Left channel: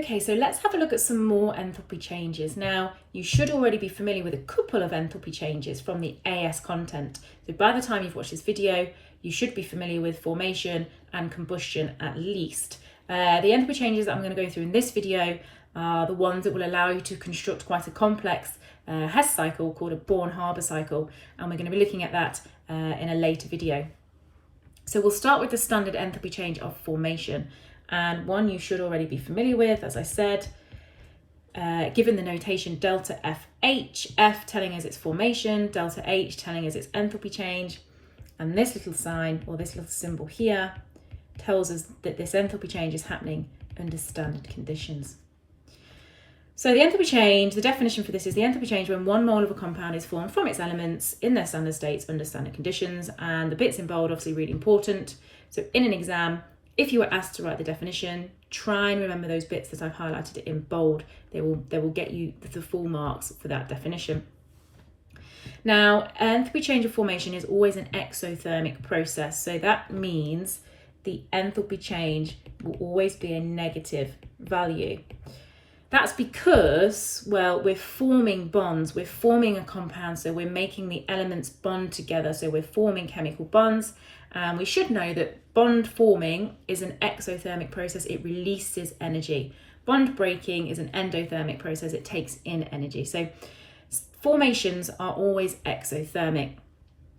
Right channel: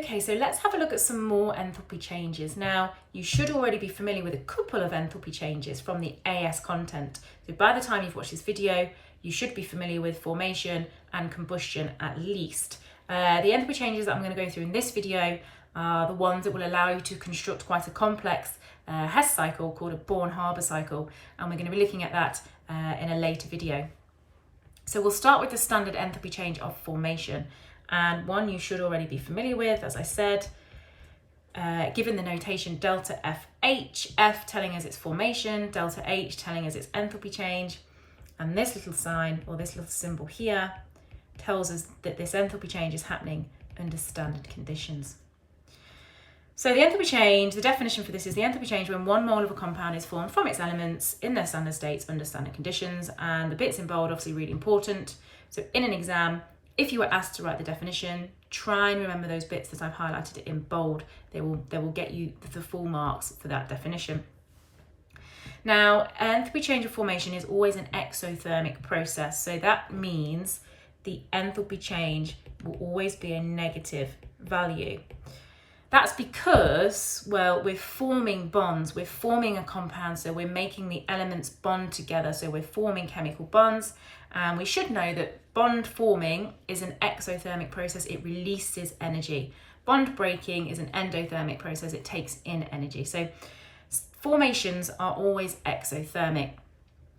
Okay, so let's have a look at some more enthalpy changes. Now, you should already be familiar with a couple of enthalpy changes from the AS content. So by the time you've watched this video, you should be familiar with formation and combustion at least. The enthalpy changes that I'm going to go through in this video are the ones that will allow you to construct quite a complex Hess cycle called a Born-Haber cycle, and we're going to be looking at that in a later video. So we'll start with the standard enthalpy change of formation, and one you should already be familiar with, as I said, given the notation delta FH, F telling us its formation, delta H telling us its enthalpy change, and this little sign or this little symbol here tells us that this enthalpy change is happening under standard conditions. So the enthalpy change, the definition for this is the enthalpy change when 1 mole of a compound is formed from its elements in their standard states under standard conditions, and the bits in bold obviously really important. So in an exam, if you were asked to write the definition, try and remember those bits that I've highlighted in bold. They will get you the full marks for that definition. Now, enthalpy change of formation is always an exothermic process, so that means the enthalpy change will always be a negative value. That's because, well, we're forming bonds, we're forming a compound, so we're making the elements bond together, so we're forming chemical bonds, and we should know that bond forming is an exothermic process, it releases energy. Bond breaking is an endothermic process, it takes in energy. So formations are always exothermic.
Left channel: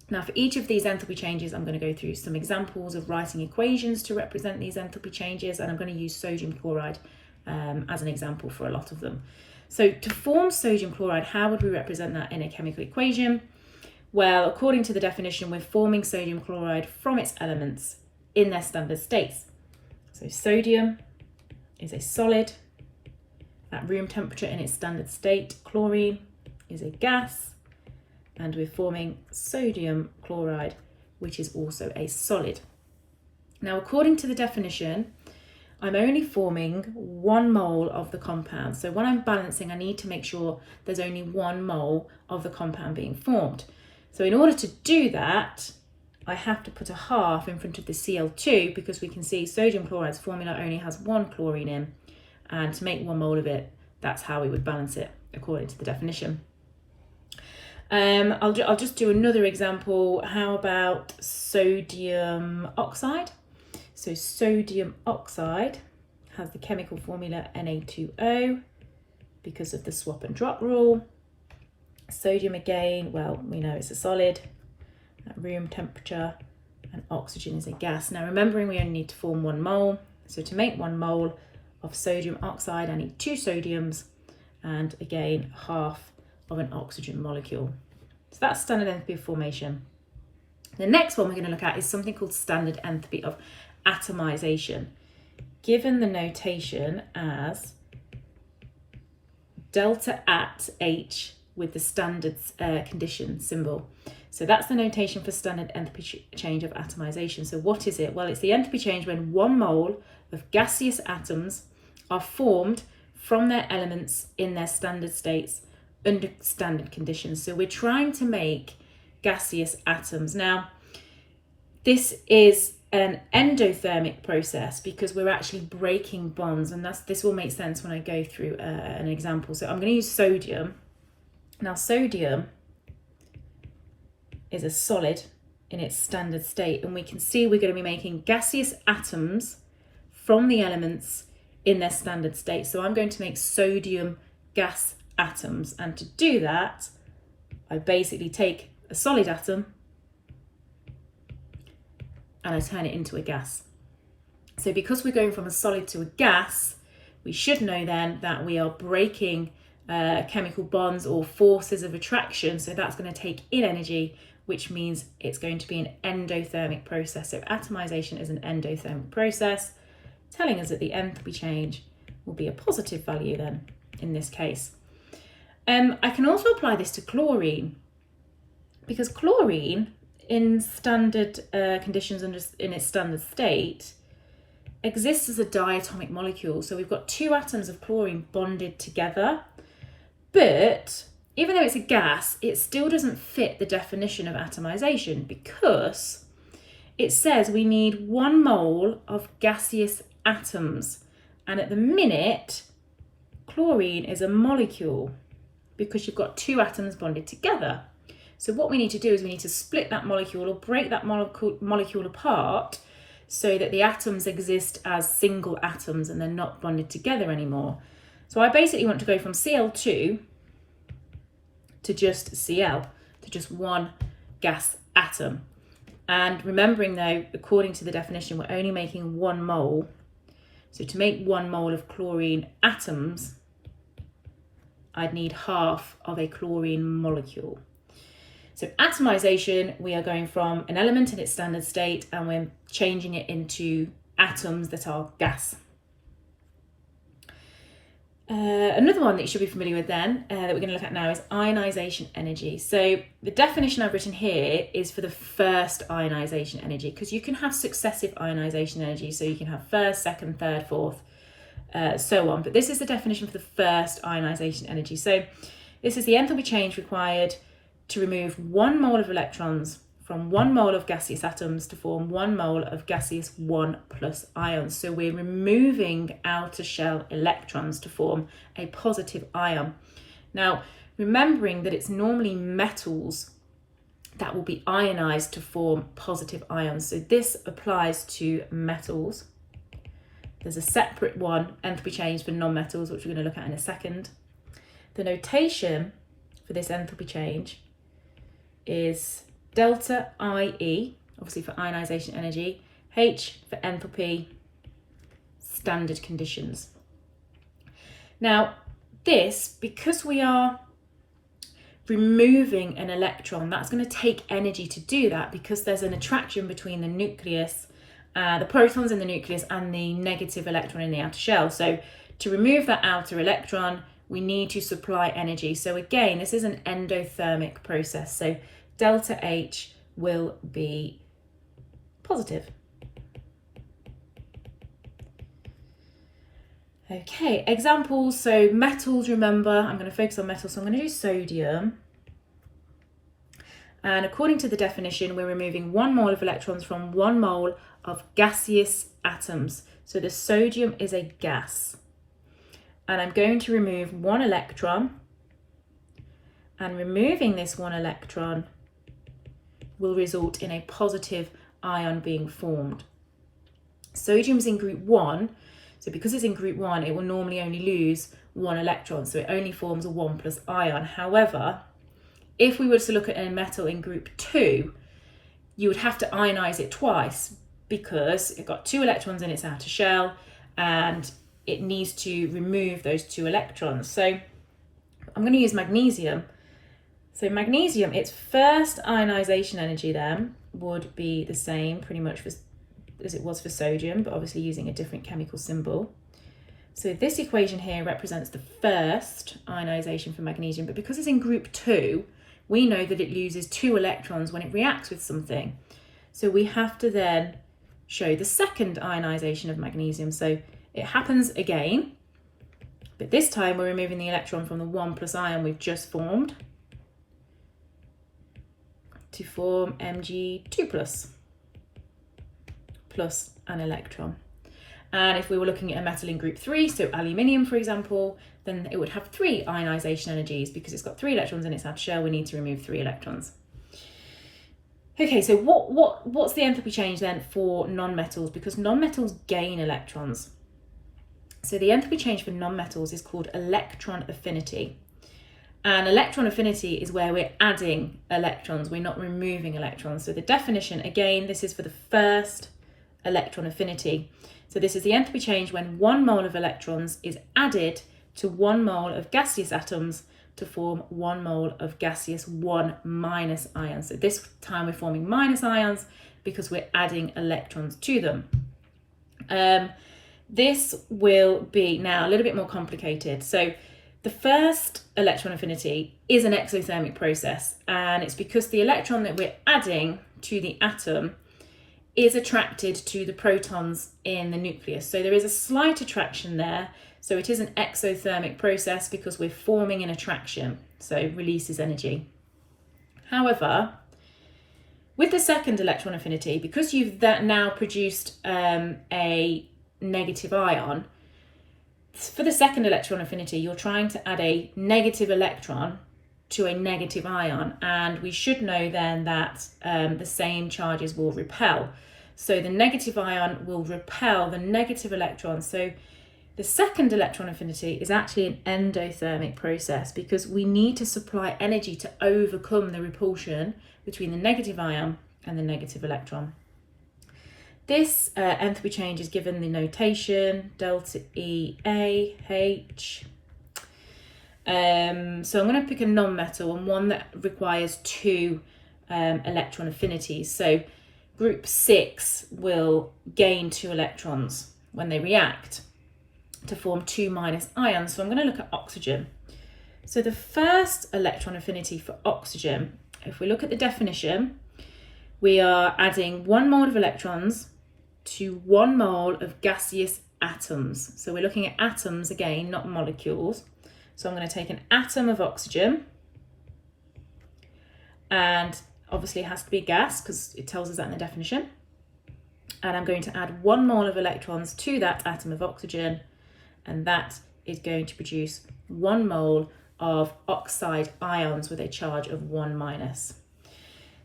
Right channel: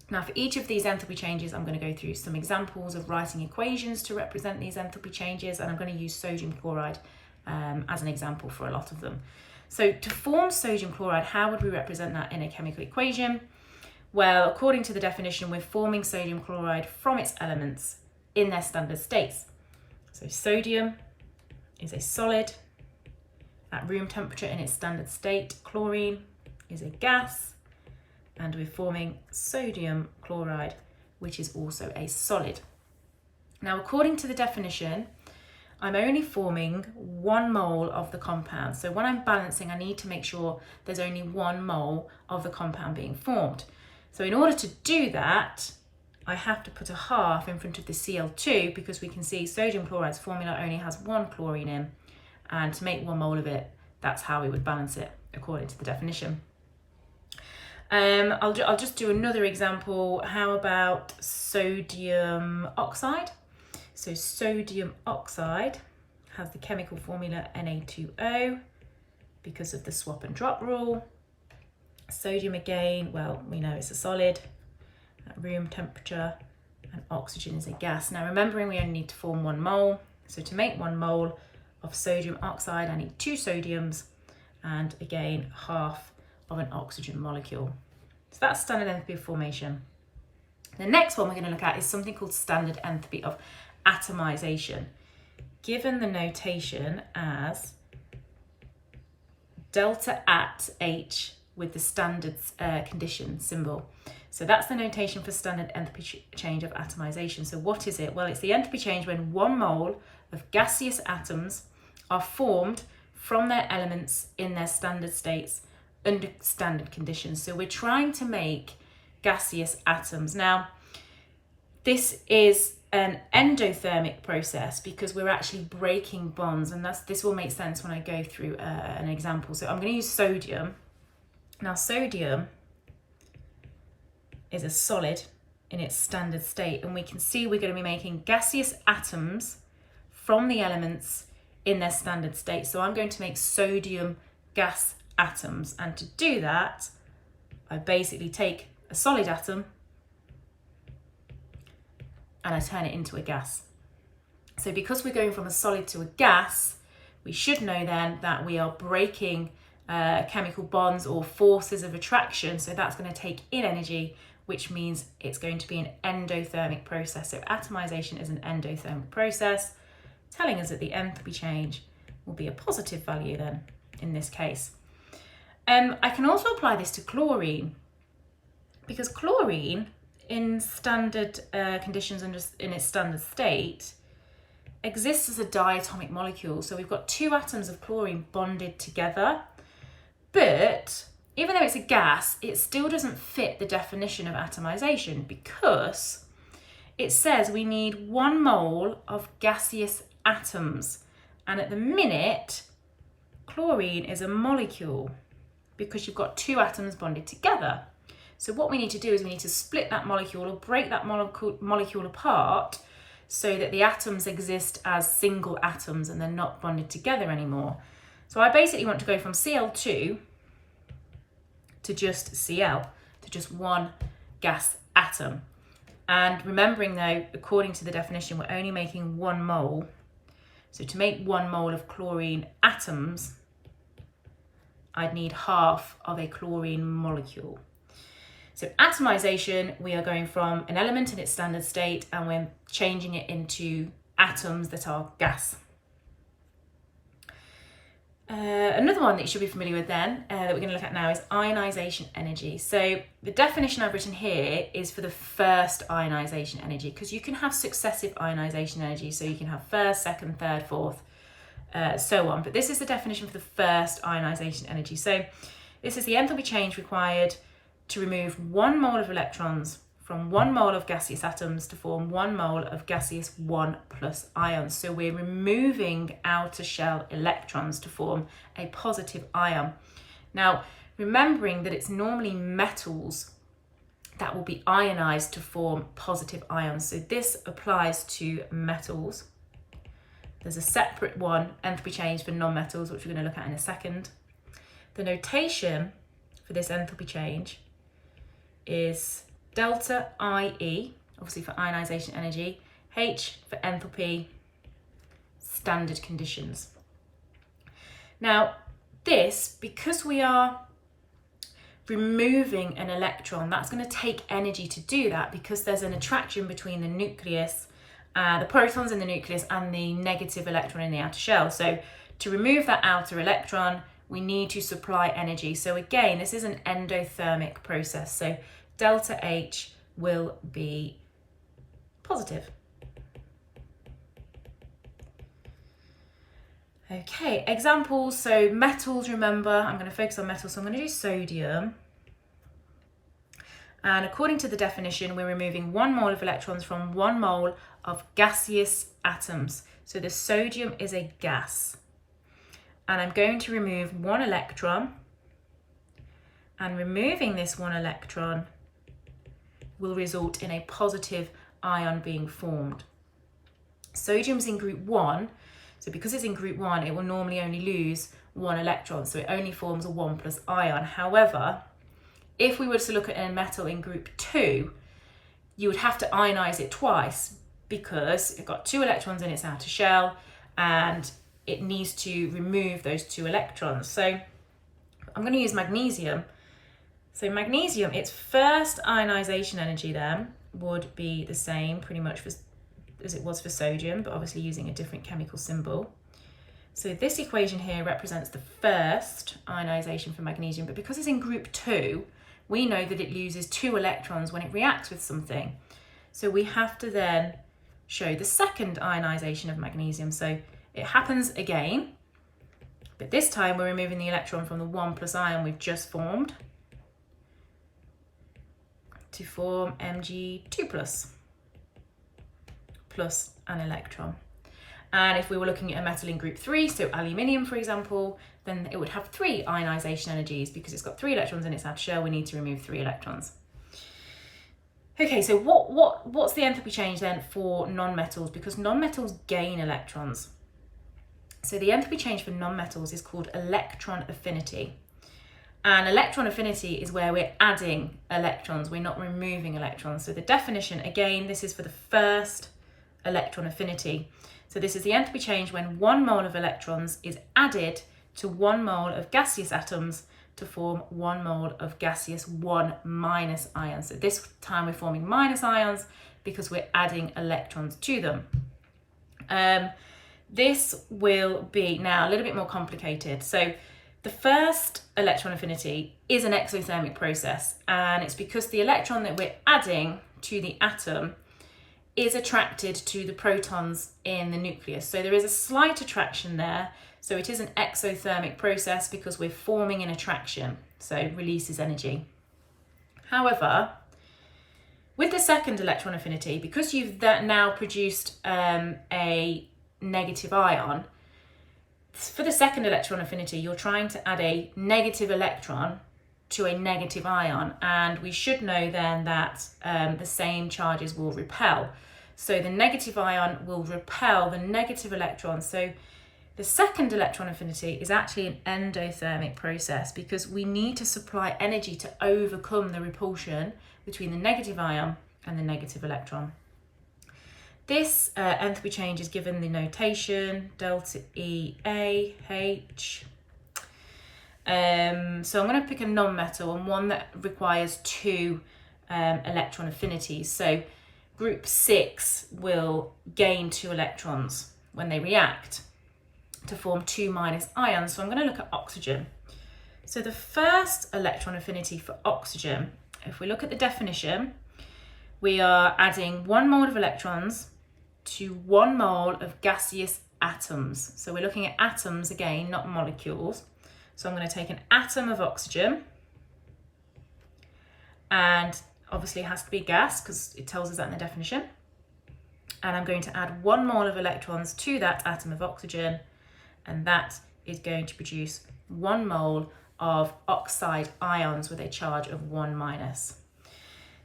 Now for each of these enthalpy changes, I'm going to go through some examples of writing equations to represent these enthalpy changes, and I'm going to use sodium chloride as an example for a lot of them. So to form sodium chloride, how would we represent that in a chemical equation? Well, according to the definition, we're forming sodium chloride from its elements in their standard states. So sodium is a solid at room temperature in its standard state. Chlorine is a gas, and we're forming sodium chloride, which is also a solid. Now, according to the definition, I'm only forming 1 mole of the compound. So when I'm balancing, I need to make sure there's only 1 mole of the compound being formed. So in order to do that, I have to put a half in front of the Cl2, because we can see sodium chloride's formula only has 1 chlorine in, and to make 1 mole of it, that's how we would balance it according to the definition. I'll just do another example. How about sodium oxide? So sodium oxide has the chemical formula Na2O because of the swap and drop rule. Sodium again, well, we know it's a solid at room temperature, and oxygen is a gas. Now remembering we only need to form 1 mole. So to make 1 mole of sodium oxide, I need 2 sodiums and again, half of an oxygen molecule. So that's standard enthalpy of formation. The next one we're going to look at is something called standard enthalpy of atomization, given the notation as delta at H with the standard condition symbol. So that's the notation for standard enthalpy change of atomization. So what is it? Well, it's the enthalpy change when 1 mole of gaseous atoms are formed from their elements in their standard states under standard conditions. So we're trying to make gaseous atoms. Now, this is an endothermic process because we're actually breaking bonds, and this will make sense when I go through an example. So I'm going to use sodium. Now sodium is a solid in its standard state, and we can see we're going to be making gaseous atoms from the elements in their standard state. So I'm going to make sodium gas atoms, and to do that I basically take a solid atom and I turn it into a gas. So because we're going from a solid to a gas, we should know then that we are breaking chemical bonds or forces of attraction. So that's going to take in energy, which means it's going to be an endothermic process. So atomization is an endothermic process, telling us that the enthalpy change will be a positive value then in this case. I can also apply this to chlorine, because chlorine in standard conditions and just in its standard state exists as a diatomic molecule. So we've got 2 atoms of chlorine bonded together, but even though it's a gas, it still doesn't fit the definition of atomization, because it says we need 1 mole of gaseous atoms, and at the minute chlorine is a molecule because you've got two atoms bonded together. So what we need to do is we need to split that molecule or break that molecule apart so that the atoms exist as single atoms and they're not bonded together anymore. So I basically want to go from Cl2 to just Cl, to just one gas atom. And remembering though, according to the definition, we're only making 1 mole. So to make 1 mole of chlorine atoms, I'd need half of a chlorine molecule. So atomization, we are going from an element in its standard state and we're changing it into atoms that are gas. Another one that you should be familiar with then, that we're going to look at now, is ionization energy. So the definition I've written here is for the first ionization energy, because you can have successive ionization energy. So you can have first, second, third, fourth, so on. But this is the definition for the first ionization energy. So this is the enthalpy change required to remove 1 mole of electrons from 1 mole of gaseous atoms to form 1 mole of gaseous 1+ ions. So we're removing outer shell electrons to form a positive ion. Now, remembering that it's normally metals that will be ionized to form positive ions. So this applies to metals. There's a separate one, enthalpy change, for non-metals, which we're going to look at in a second. The notation for this enthalpy change is delta IE, obviously for ionization energy, H for enthalpy, standard conditions. Now this, because we are removing an electron, that's going to take energy to do that because there's an attraction between the nucleus, the protons in the nucleus and the negative electron in the outer shell. So to remove that outer electron, we need to supply energy. So again, this is an endothermic process. So delta H will be positive. Okay, examples. So metals, remember, I'm going to focus on metals. So I'm going to do sodium. And according to the definition, we're removing 1 mole of electrons from 1 mole of gaseous atoms. So the sodium is a gas. And I'm going to remove 1 electron. And removing this 1 electron will result in a positive ion being formed. Sodium's in group 1, so because it's in group 1, it will normally only lose 1 electron, so it only forms a 1+ ion. However, if we were to look at a metal in group 2, you would have to ionize it twice because it got 2 electrons in its outer shell and it needs to remove those 2 electrons. So I'm going to use magnesium. So magnesium, its first ionization energy then would be the same pretty much as it was for sodium, but obviously using a different chemical symbol. So this equation here represents the first ionization for magnesium, but because it's in group 2, we know that it loses 2 electrons when it reacts with something. So we have to then show the second ionization of magnesium. So it happens again, but this time we're removing the electron from the 1+ ion we've just formed to form Mg2+ plus an electron. And if we were looking at a metal in group 3, so aluminium for example, then it would have 3 ionization energies because it's got 3 electrons in its outer shell. We need to remove 3 electrons. Okay, so what's the enthalpy change then for non-metals? Because non-metals gain electrons. So the enthalpy change for non-metals is called electron affinity. And electron affinity is where we're adding electrons, we're not removing electrons. So the definition, again, this is for the first electron affinity. So this is the enthalpy change when 1 mole of electrons is added to 1 mole of gaseous atoms to form 1 mole of gaseous 1- ions. So this time we're forming minus ions because we're adding electrons to them. This will be now a little bit more complicated. So the first electron affinity is an exothermic process, and it's because the electron that we're adding to the atom is attracted to the protons in the nucleus. So there is a slight attraction there. So it is an exothermic process because we're forming an attraction, so it releases energy. However, with the second electron affinity, because you've now produced a negative ion, for the second electron affinity, you're trying to add a negative electron to a negative ion, and we should know then that the same charges will repel. So the negative ion will repel the negative electron. So the second electron affinity is actually an endothermic process because we need to supply energy to overcome the repulsion between the negative ion and the negative electron. This enthalpy change is given the notation delta E A H. So I'm going to pick a non-metal and one that requires 2 electron affinities. So group 6 will gain 2 electrons when they react to form 2- ions. So I'm going to look at oxygen. So the first electron affinity for oxygen, if we look at the definition, we are adding 1 mole of electrons to 1 mole of gaseous atoms. So we're looking at atoms again, not molecules. So I'm going to take an atom of oxygen, and obviously it has to be a gas because it tells us that in the definition. And I'm going to add 1 mole of electrons to that atom of oxygen, and that is going to produce 1 mole of oxide ions with a charge of 1-.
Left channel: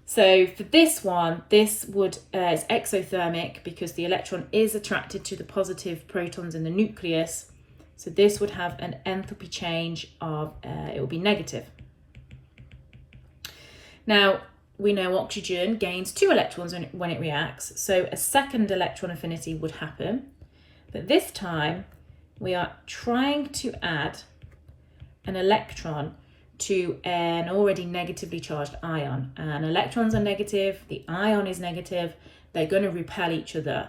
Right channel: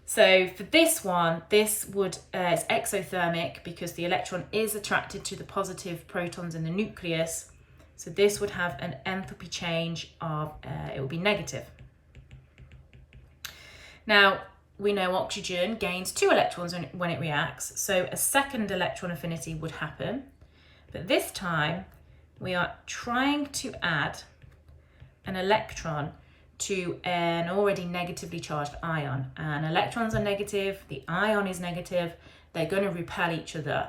So for this one, this would is exothermic because the electron is attracted to the positive protons in the nucleus. So this would have an enthalpy change of, it will be negative. Now, we know oxygen gains 2 electrons when it reacts, so a second electron affinity would happen. But this time, we are trying to add an electron to an already negatively charged ion. And electrons are negative, the ion is negative, they're going to repel each other.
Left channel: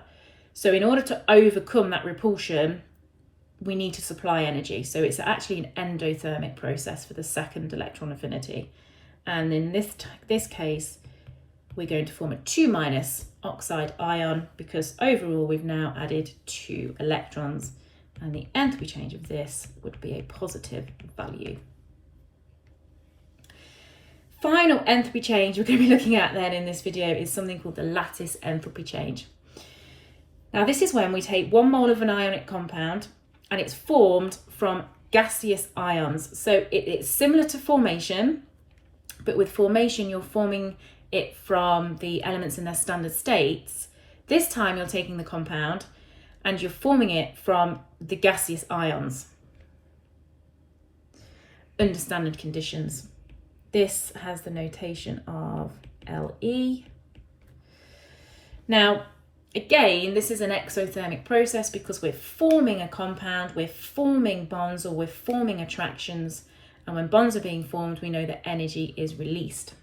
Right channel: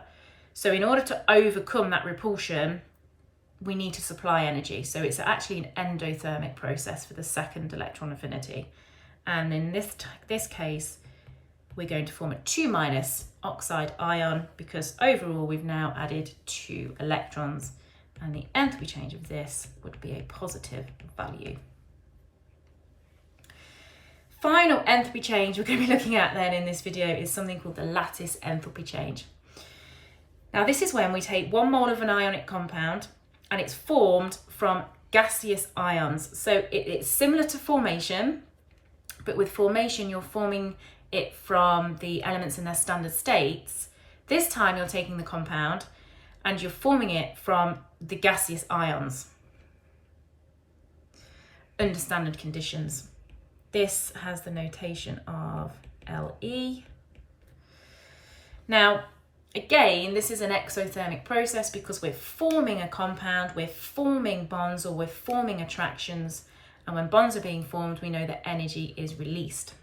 So in order to overcome that repulsion, we need to supply energy. So it's actually an endothermic process for the second electron affinity. And in this case, we're going to form a 2- oxide ion because overall we've now added 2 electrons, and the enthalpy change of this would be a positive value. Final enthalpy change we're going to be looking at then in this video is something called the lattice enthalpy change. Now this is when we take 1 mole of an ionic compound and it's formed from gaseous ions. So it's similar to formation, but with formation you're forming it from the elements in their standard states. This time you're taking the compound and you're forming it from the gaseous ions under standard conditions. This has the notation of Le. Now, again, this is an exothermic process because we're forming a compound, we're forming bonds, or we're forming attractions. And when bonds are being formed, we know that energy is released.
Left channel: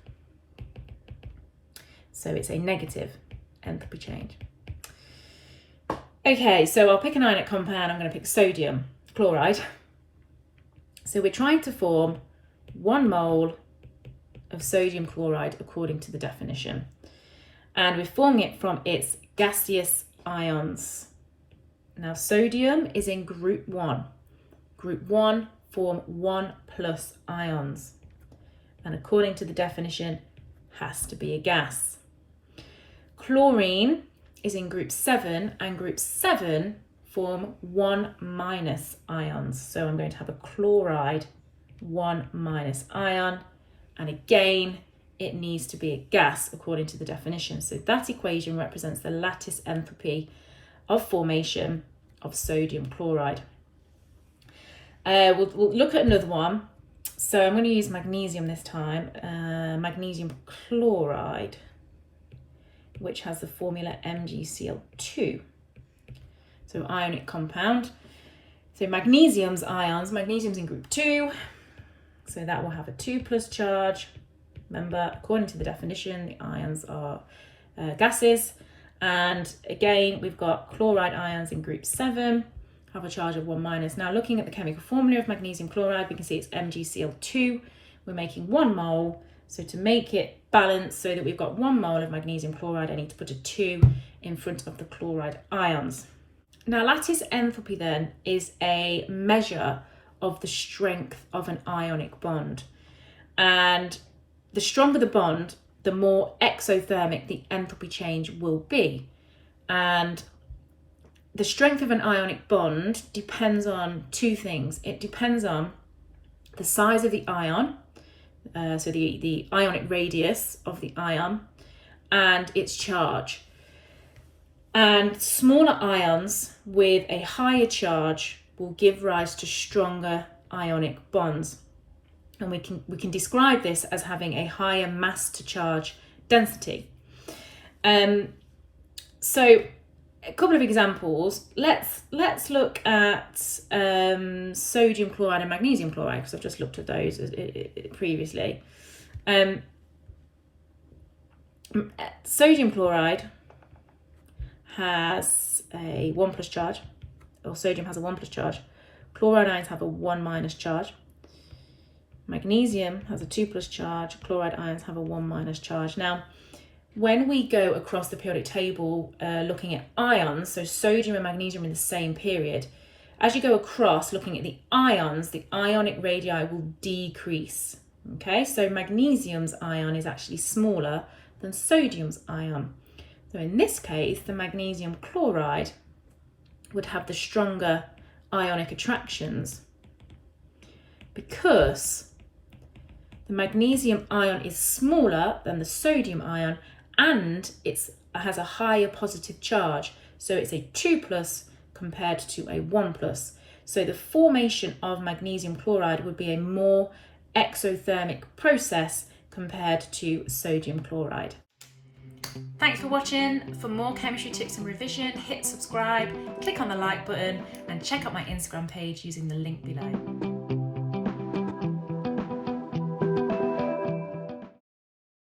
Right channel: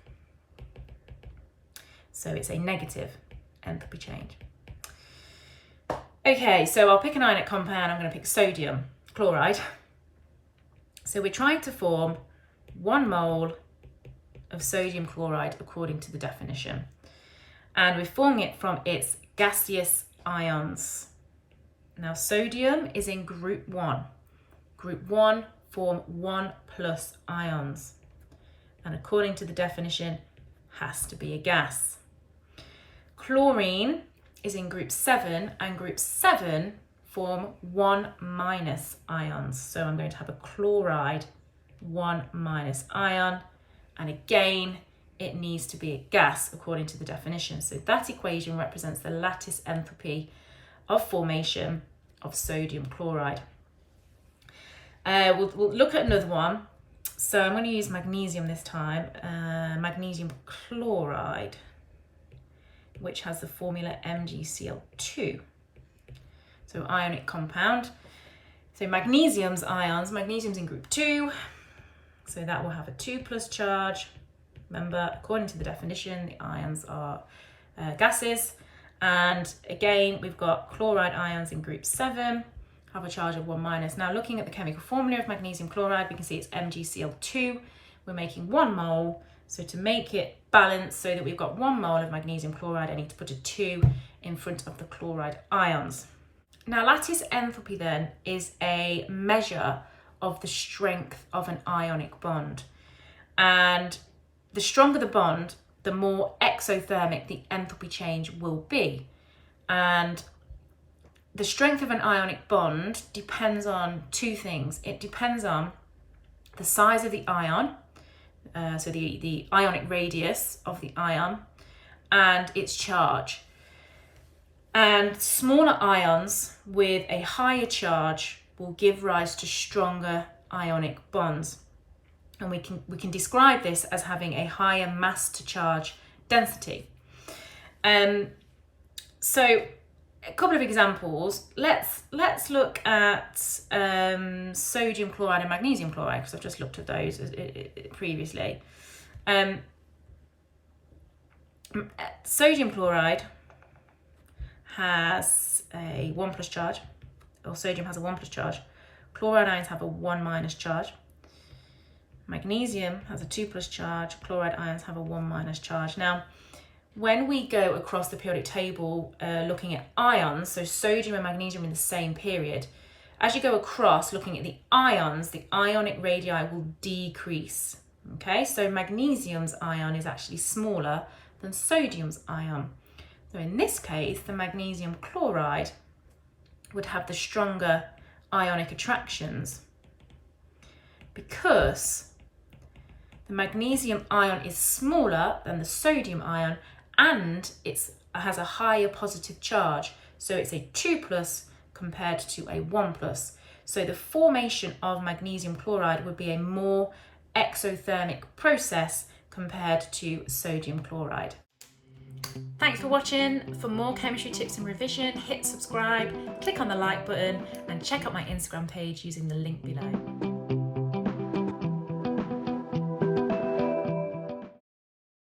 So it's a negative enthalpy change. Okay, so I'll pick an ionic compound. I'm going to pick sodium chloride. So we're trying to form 1 mole of sodium chloride according to the definition. And we're forming it from its gaseous ions. Now sodium is in group 1. Group 1 form 1+ ions. And according to the definition, has to be a gas. Chlorine is in group 7, and group 7 form 1- ions. So I'm going to have a chloride 1- ion. And again, it needs to be a gas according to the definition. So that equation represents the lattice enthalpy of formation of sodium chloride. We'll look at another one. So I'm going to use magnesium this time, magnesium chloride, which has the formula MgCl2. So ionic compound. So magnesium's ions, magnesium's in group 2. So that will have a 2+ charge. Remember, according to the definition, the ions are gases. And again, we've got chloride ions in group 7, have a charge of 1-. Now looking at the chemical formula of magnesium chloride, we can see it's MgCl2. We're making 1 mole. So to make it balanced so that we've got 1 mole of magnesium chloride, I need to put a 2 in front of the chloride ions. Now lattice enthalpy then is a measure of the strength of an ionic bond. And the stronger the bond, the more exothermic the enthalpy change will be. And the strength of an ionic bond depends on two things. It depends on the size of the ion, so the ionic radius of the ion, and its charge. And smaller ions with a higher charge will give rise to stronger ionic bonds. And we can describe this as having a higher mass to charge density. So a couple of examples. Let's look at sodium chloride and magnesium chloride, because I've just looked at those previously. Sodium chloride has a 1+ charge, or sodium has a 1+ charge. Chloride ions have a 1- charge. Magnesium has a 2+ charge. Chloride ions have a 1- charge. Now, when we go across the periodic table looking at ions, so sodium and magnesium in the same period, as you go across looking at the ions, the ionic radii will decrease. Okay, so magnesium's ion is actually smaller than sodium's ion. So in this case, the magnesium chloride would have the stronger ionic attractions because the magnesium ion is smaller than the sodium ion, and it has a higher positive charge. So it's a 2+ compared to a 1+. So the formation of magnesium chloride would be a more exothermic process compared to sodium chloride. Thanks for watching. For more chemistry tips and revision, hit subscribe, click on the like button, and check out my Instagram page using the link below.